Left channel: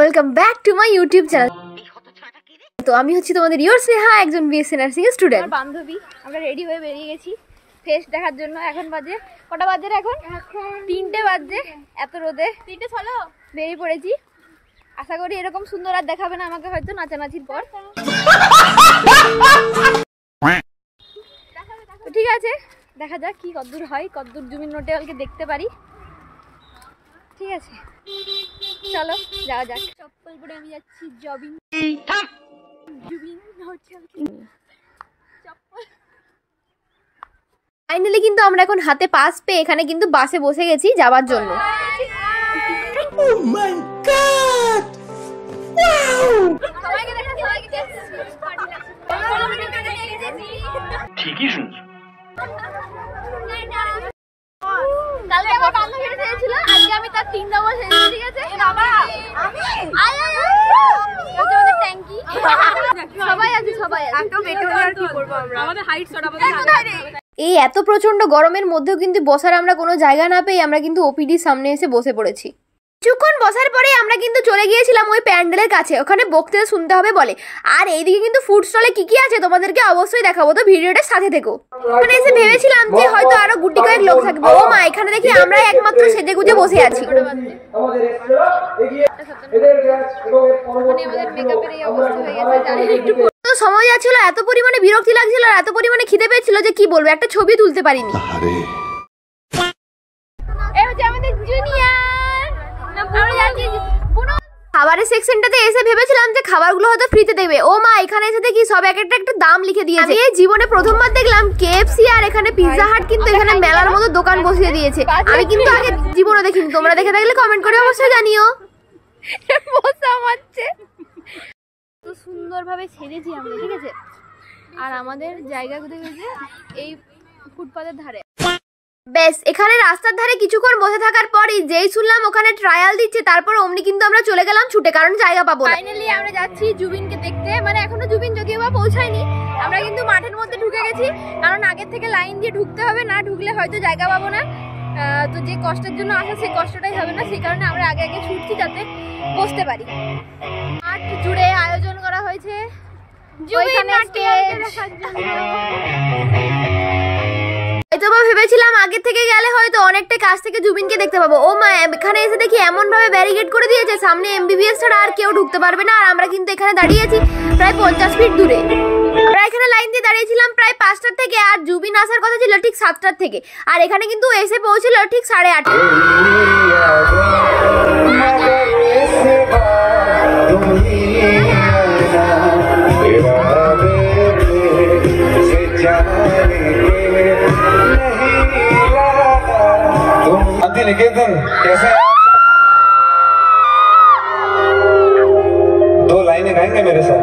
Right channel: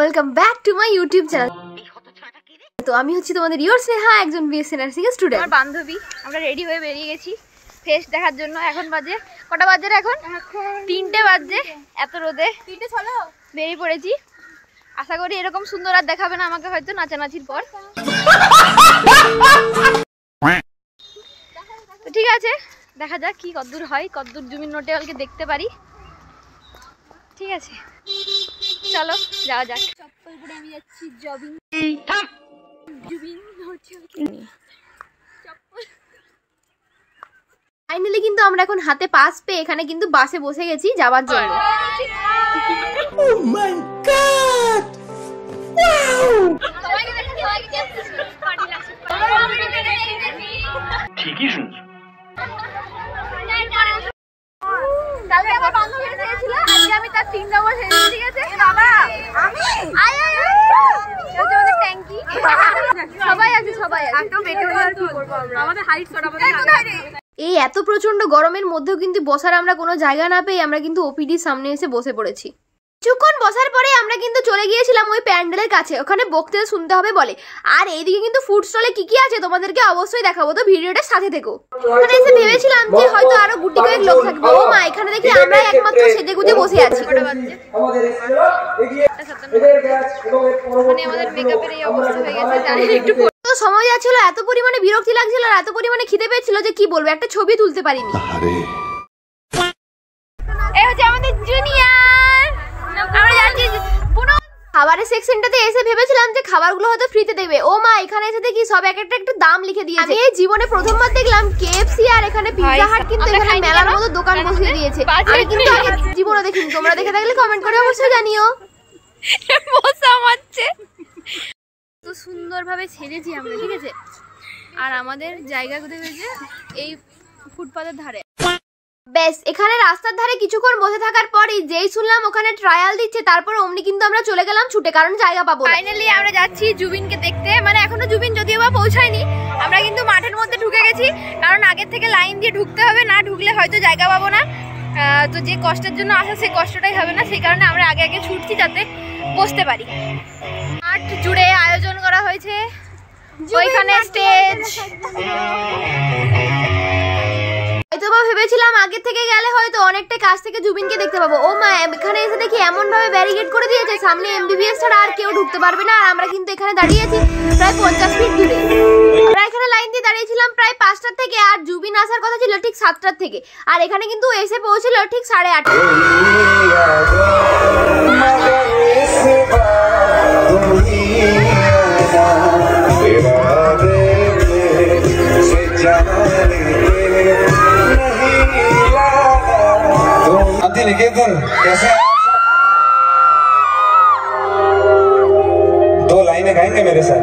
Welcome back to my YouTube channel. তো আমি হচ্ছি তোমাদের ইয়োর স্নেহা, একজন বিএসসি নার্সিং এর স্টুডেন্ট। আমার বান্ধবী আমরা রেডি হয়ে বেরিয়ে গেছি ফেস দেখার জন্য। এখন বাজে কটা বাজে? এখন 3টে বাজে। এত রোদে 3টে চলো বেরিয়ে পড়েছি। আশা করি এরকম সুন্দর আর দেখাবে না আমাকে হয়তো নাচানাচির পর। তো ঠিক আছে, দেখা যাক কি কতদূর হয়, কতদূর জুবিন নোটিওয়ালকে দেখতে পারি। ঠিক আছে চলো যাওয়া যাক। চপ্পল পরে আমি যাচ্ছি জবিং। ফাইনালি কিন্তু আমরা এখন হাতে পাস পেয়ে এখানে কিন্তু বাসে বসে গেছি যাওয়ার জন্য। Oh my God! Wow! ঠিকই শুনছো। কালকে আমার বান্ধবী এসেছিল, আজকে আমি তার 3 নম্বর সেজেছি। ঠিক আছে ট্যাঙ্কি সবাই আছে, সবাই এত বেটে হলে আর কি করবো আমরা, আমাদের হাইট সরাবো। এই এত প্রচন্ড গরমের মধ্যেও কিন্তু বসার আমরা কোনো জায়গা না পেয়ে আমরা কিন্তু ওপিডির সামনে এসে বসে পড়েছি। কিছুক্ষণ বসার পরে আমরা কিন্তু চলে গিয়েছিলাম ওই প্যান্ডেলের কাছে, ওখানে বক্তৃতা শুনতে হবে বলে। আর এইদিকে কিন্তু ফুড স্টলে কি কি আছে তোমাদেরকে অবশ্যই দেখাবো, তো ভিডিওটা সাথে থেকো। ওখানে এসে ভেবেছিলাম যে হয়তো আরো গুটি কয়েক লোক থাকবে। ও মা, এখানে দেখি আমরা একমাত্র সেজে গুজে বসে আছি। মানে আমাদের মেকআপের এই অবস্থা হয়ে গেছে, জানি একটু তো সময় যাচ্ছিল, এত পরিমাণে বিরক্তি লাগছিল আর এত পরিমাণে খিদে পেয়েছিল যে কি বলবো, একটা ছবি তুলতে পারিনি। এই হচ্ছে আমাদের জুনিয়র। আমরা যাচ্ছি খাবারের সেকশনটাতে এসে ভেবেছিলাম যে খাবারগুলো হয়তো ফ্রিতে দেবে। ও মা, এখানে এসে দেখি সব এক একটা দাম লিখে দিয়েছে। এই জীবনে প্রথমবার দেখলাম কেএফসি আর এখানে পিৎজা হাট কিন্তু এখানে মেলার মতো দোকান বসিয়ে দিয়েছে। আমি কিন্তু আগে জীবনে দেখিনি, তোমরা দেখে থাকলে কমেন্ট করে অবশ্যই জানিও। মজা মারছে, তো সুন্দরভাবে সেজেছি আমরা। ঠিক আছে, আর আমাদের জায়গা কোথায় হয়েছে? এই ফুটপাতের ধারে। বেশ, এখানে রাস্তার ধারে কিছুক্ষণ বসে থাকার পরই যেই শুনলাম ওখানে ট্রায়াল দিচ্ছে, তারপর অমনি কিন্তু আমরা চলে গেলাম ছুটে, কারণ জায়গা পাবো। ফাইনালি আমরা যাচ্ছি জুবিনকে দেখতে। মানে এখনো জুবিন যদিও বা পৌঁছায়নি, আমরা কিন্তু মাঠের মধ্যে ঢুকে গেছি, কারণ আগের থেকে লাইন দিয়ে ঢুকতে হবে, না ঢুকলে হয়তো জায়গা পাবো না। তো যে কষ্টের জন্য আসা সেই কষ্টটাই হবে না, সেই কারণে আমরা আগে আগে ছুটছি যাতে বসতে পারি। মাঠ জুড়ে আয়োজন করা হয়েছে, ওইখানে স্টেজ। হয়তো বা ভেবেছিলাম আগে থেকে গেলে হয়তো অনেকটা কাছ থেকে জুবিনকে দেখতে পাবো। ও মা, এখানে এসে দেখি এমন ভাবে ব্যারিকেড করে দিয়েছে, সামনে এমবিবিএস ছাড়া আর কেউ ঢুকতে পারবে না। আর আমরা কিন্তু এখানে দাঁড়িয়ে আছি প্রায় 50 ফিট দূরে। আমরা এখানে লাইন দিয়ে দাঁড়িয়েছিলাম প্রায় 5টার থেকে, আর জুবিন আসার কথা ছিল ঠিক 7টার থেকে, আর এখানে কিন্তু এসে পৌঁছিল ঠিক 8:30। निकेतन कैसे दो लाइनें गाएंगे मेरे साथ?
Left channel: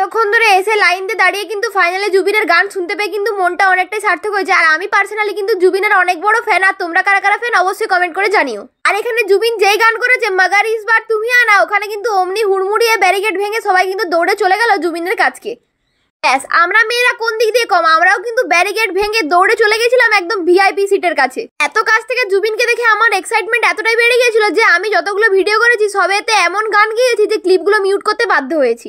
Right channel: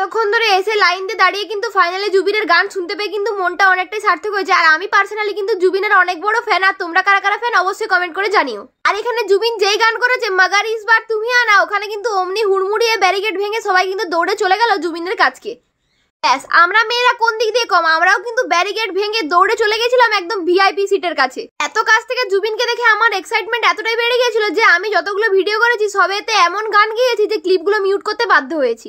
তখন ধরে এসে লাইন দিয়ে দাঁড়িয়ে কিন্তু ফাইনালি জুবিনের গান শুনতে পেয়ে কিন্তু মনটা অনেকটাই সার্থক হয়েছে। আর আমি পার্সোনালি কিন্তু জুবিনের অনেক বড় ফ্যান, আর তোমরা কারা কারা ফ্যান অবশ্যই কমেন্ট করে জানিও। আর এখানে জুবিন যেই গান করেছে মাগার ইস বার তুমি আনা, ওখানে কিন্তু অমনি হুড়মুড়িয়ে ব্যারিকেড ভেঙে সবাই কিন্তু দৌড়ে চলে গেল জুবিনের কাছকে। আমরা মেয়েরা কোন দিক দিয়ে কম, আমরাও কিন্তু ব্যারিকেড ভেঙে দৌড়ে চলে গেছিলাম একদম ভিআইপি সিটের কাছে। এত কাছ থেকে জুবিনকে দেখে আমার এক্সাইটমেন্ট এতটাই বেড়ে গিয়েছিল যে আমি যতগুলো ভিডিও করেছি সবেতে এমন গান গেয়েছি যে ক্লিপগুলো মিউট করতে বাধ্য হয়েছি।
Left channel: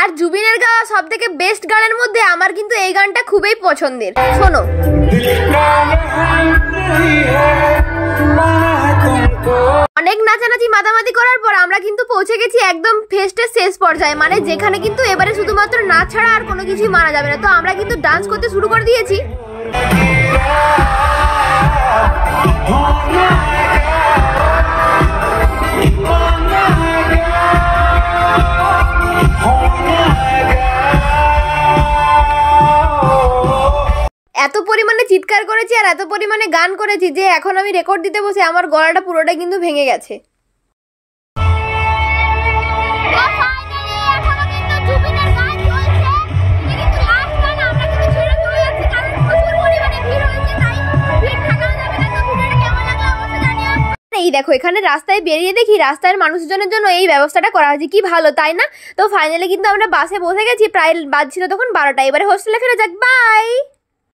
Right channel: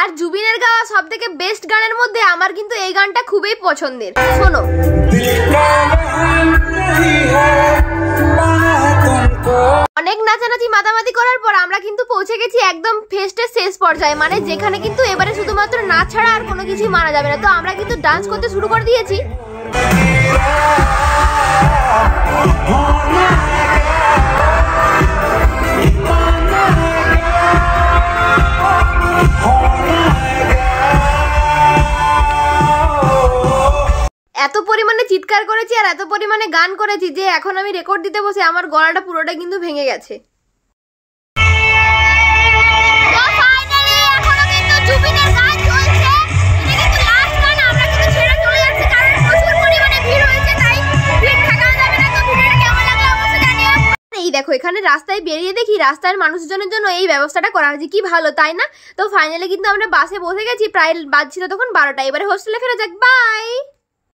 আর জুবিনের গাওয়া সব থেকে বেস্ট গানের মধ্যে আমার কিন্তু এই গানটা খুবই পছন্দের। শোনো, অনেক নাচানাচি মাতামাতি করার পর আমরা কিন্তু পৌঁছে গেছি একদম ফেস্টের শেষ পর্যায়ে, মানে যেখানে কিন্তু এবারে শুধুমাত্র নাচ ছাড়া আর কোনো কিছুই মানা যাবে না। তো আমরা কিন্তু ডান্স করতে শুরু করে দিয়েছি। এত পরিমাণে চিৎকার করেছি আর এত পরিমাণে গান করেছি যে এখন আমি রেকর্ড দিতে বসে আমার গলাটা পুরোটা কিন্তু ভেঙে গেছে। এই দেখো এখানে রাস্তায় বেরিয়ে দেখি রাস্তার মানুষজনের জন্য এই ব্যবস্থাটা করা হয়েছে, কি ভালো তাই না? তো ফাইনালি কিন্তু আমরা বাসে বসে গেছি, প্রায় বাজছিল তখন 12টা। এবারে হোস্টেলে ফেরা যাক, বাই।